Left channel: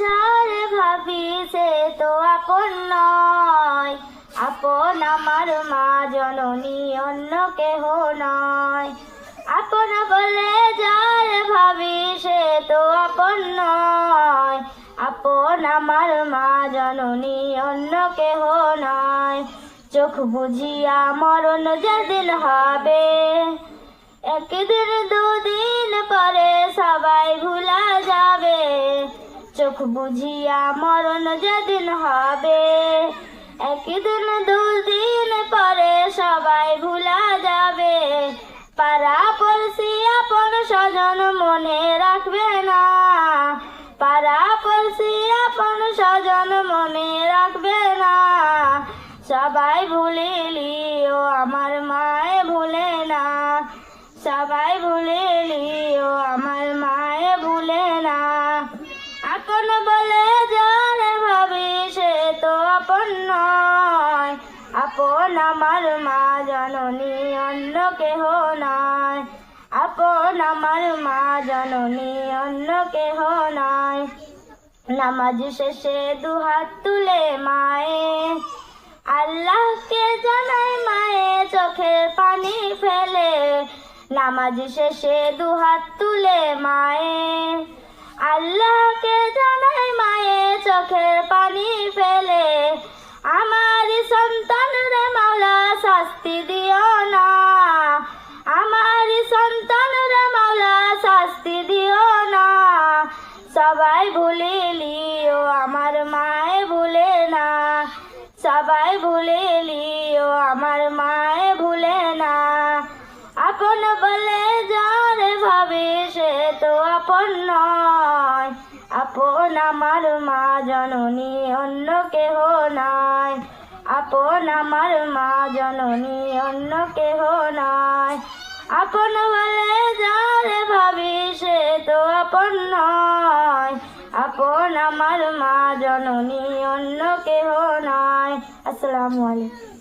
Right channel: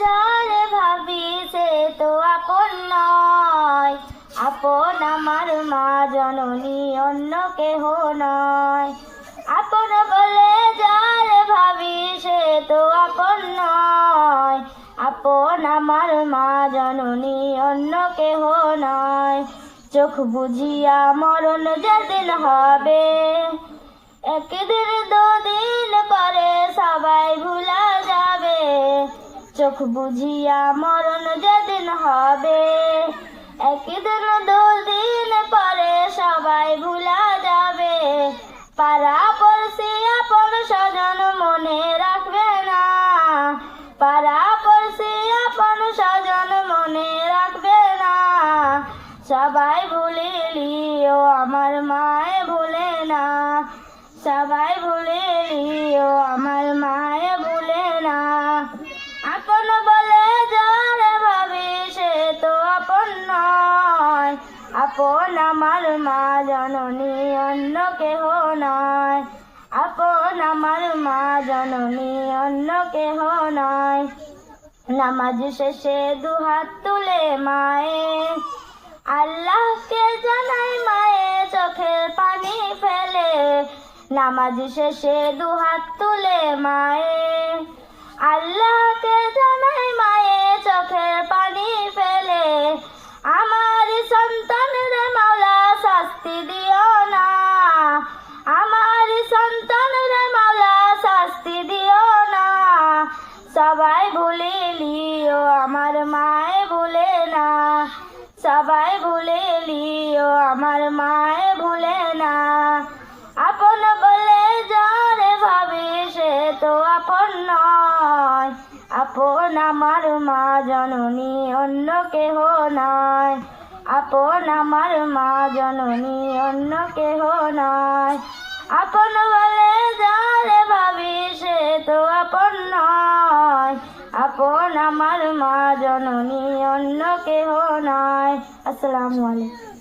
যারে ভাবি সে তো আপন নয়। আপন আমার মা জননী অন্য কেহ নয়। আপন বলে যারে ভাবি সে তো আপন নয়। আপন আমার মা জননী অন্য কেহ নয়। চোখ বুঝিয়া মরণ যেদিন হবে, একদিন দুদিন চোখ বুঝিয়া মরণ যেদিন হবে, একদিন দুদিন পরে সবাই ভুলা যাবে। পাড়া পড়শি আপন স্বজন মনে রাখবে না। পাড়া পড়শি আপন স্বজন মনে রাখবে না। সবাই ভুলে লিও, আমার মায়ে ভুলে না। সবাই ভুলে আপন আমার মা জননী, অন্য কেহ নয় আপন আমার মা জননী, অন্য কেহ নয় নামাজ শেষে দু হাত তুলে মায়ে, আল্লাহকে জানাই মায়ে, চোখের পানি ফেলে। নামাজ শেষে দু হাত তুলে মায়ে আপন আমার মা জননী, অন্য কেহ নয় আপন আমার মা জননী, অন্য কেহ নয় আপন বলে যারে ভাবি, সে তো আপন নয়। আপন আমার মা জননী, অন্য কেহ নয় আসসালামু আলাইকুম।